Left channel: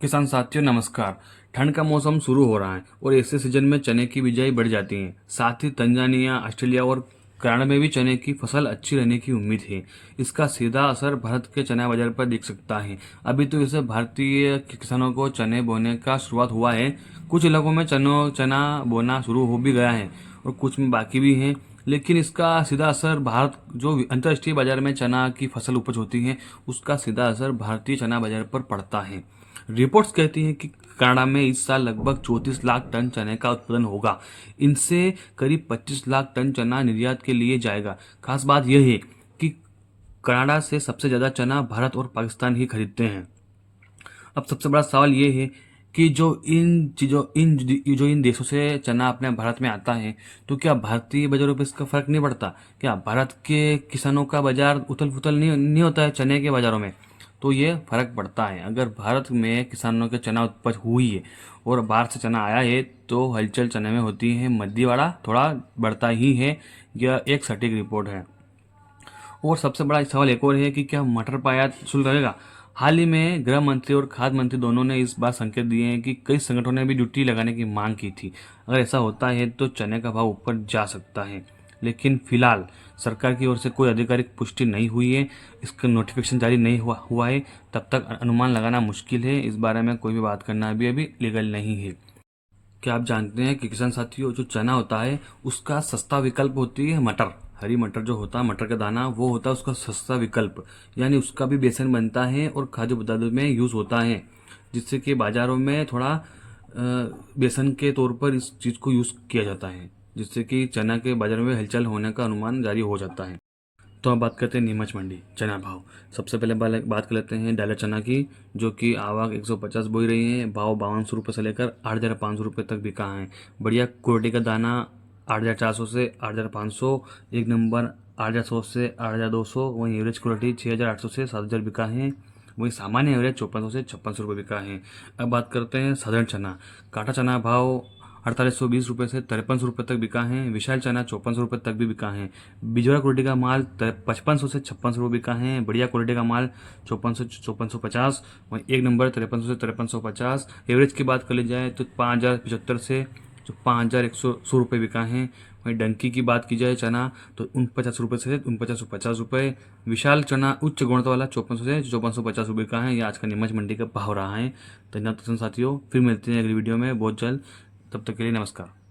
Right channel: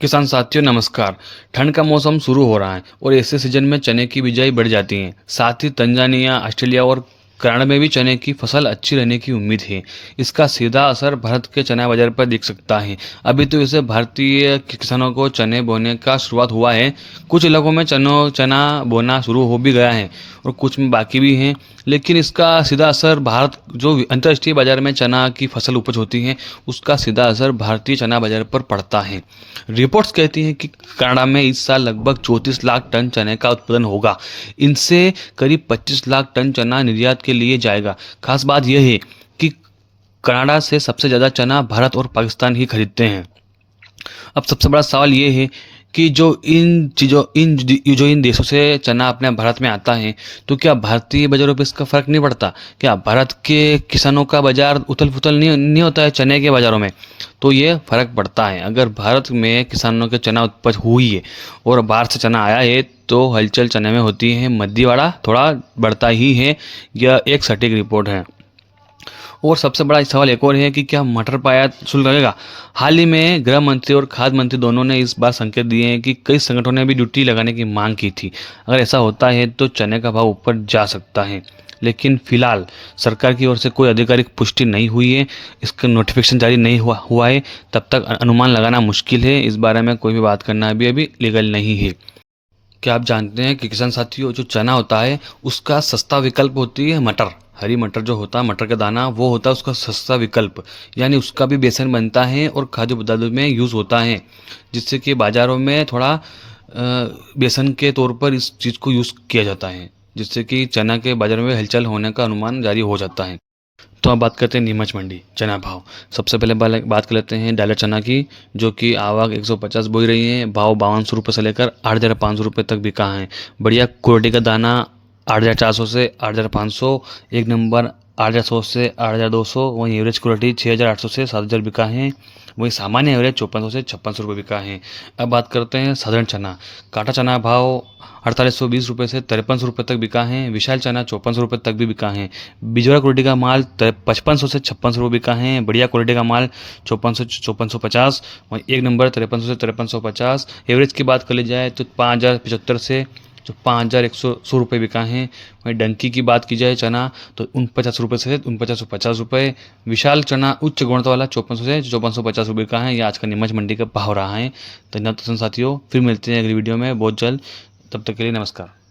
किसान साथियों नमस्कार। ठंड का मौसम शुरू हो रहा है और ऐसे सीजन में चने की बिजाई बढ़ जाती है। साथ ही तंजानिया, ऑस्ट्रेलिया और कनाडा में भी चने की फसल अच्छी रहने की उम्मीद है। इसका सीधा असर भारत के चना बाजार पर दिख सकता है। अभी तो इसे भारतीय किसानों को चने बोने का शुरुआत हुआ है। कुछ इलाकों में चना बोना शुरू हो भी गया है और कुछ में बाकी भी हैं। लेकिन इसका सीधा असर भारत जो अंतर्राष्ट्रीय बाजार में चना की फसल उपज होती है, उसका सीधा असर भारतीय चना बाजार पर पड़ता है। रिपोर्ट्स कहती हैं कि कनाडा में इस साल लगभग 34 लाख टन चने का उत्पादन होगा। इनसे करीब 25 लाख टन चना निर्यात के लिए जाएगा। खास बात यह है कि कनाडा से सबसे ज़्यादा चना भारत और पाकिस्तान ही खरीदते हैं। अब सबसे बड़ा सवाल ये है कि जो इन देशों से चना अपने भारत में आता है, तो क्या भारतीय बाजारों पे इसका फर्क नहीं पड़ता? क्या भारत के किसानों का बाजार उथल पुथल नहीं होता है चने के बाजारों में? तो ये फर्क पड़ता है। अगर भारत में किसानों के चना उत्पज हुई है और बाहर से चना आया है, तो हलचल चने में होती है, मद्दीवाड़ा थोड़ा बढ़ता ही है। यह एक सटीक रिपोर्ट है। और सबसे बड़ा सवाल एक और है कि क्या मटर पर आयात शुल्क लगेगा? हाल ही में गृह मंत्री और खाद्य मंत्री दोनों ने इस बार संकेत दिए हैं कि कई संगठनों ने भी ड्यूटी लगाने की मांग की थी। अगर ऐसा होता है तो चने का भाव ऊपर जा सकता है। लेकिन फिलहाल सरकार की ओर से कोई आधिकारिक पुष्टि नहीं हुई है, इसका नोटिफिकेशन जारी नहीं हुआ है। तब तक अनुमान लगाना मुश्किल है। इस बारे में कोई भी बात करना अभी लीगल नहीं है। क्या आप जानते हैं कि किसान साथियों, जो चना होता है उसका सस्ता विकल्प होती है मटर। हरी मटर जो होता है, मटर का दाना, वो होता है उसका सस्ता विकल्प। यानी उसका भी बेसन बनता है और खाद्य पदार्थों में यूज़ होता है, जिससे कि बाज़ारों में थोड़ा बेसन के तौर पर इस चीज़ को यूज़ किया जाता है, जिससे कि चना के बाज़ार में हलचल होने का अनुमान जारी हो जाता है। तो अब बात करते हैं नीमच मंडी चना भाव। सबसे पहले बात कर लेते हैं डालर चना की, जो कि आवक 150 बोई रही है। भाव 5200 से लेकर 8500 तक बिका है। बढ़िया क्वालिटी का दाना 8400 से 8500, एक नंबर 8100 से 8200। वहीं एवरेज क्वालिटी 6800 से 7000 बिका है। वहीं सामान्य एवरेज 5400 से 5600 बिका है। अब बात करते हैं साधारण चना। काटा चना भाव 4820 से 5300 तक बिका है। विशाल चना 5400 तक भी बिका है। बिजोरा क्वालिटी का माल 5500 से 5600 बिका है। बढ़िया क्वालिटी का माल 5450। वहीं एक नंबर 5300 से 5350। एवरेज की बात कर ली जाए तो 5075 से जो 5100 बिका है। वहीं डंकी की बात की जाए चना, तो 49 से 4950। विशाल चना उच्च गुणवत्ता वाला 5400 से 5450 बिका है। यह आज का नीमच मंडी का भाव रहा है। धन्यवाद साथियों, फिर मिलते हैं अगली वीडियो में बहुत जल्द। तब तक के लिए नमस्कार।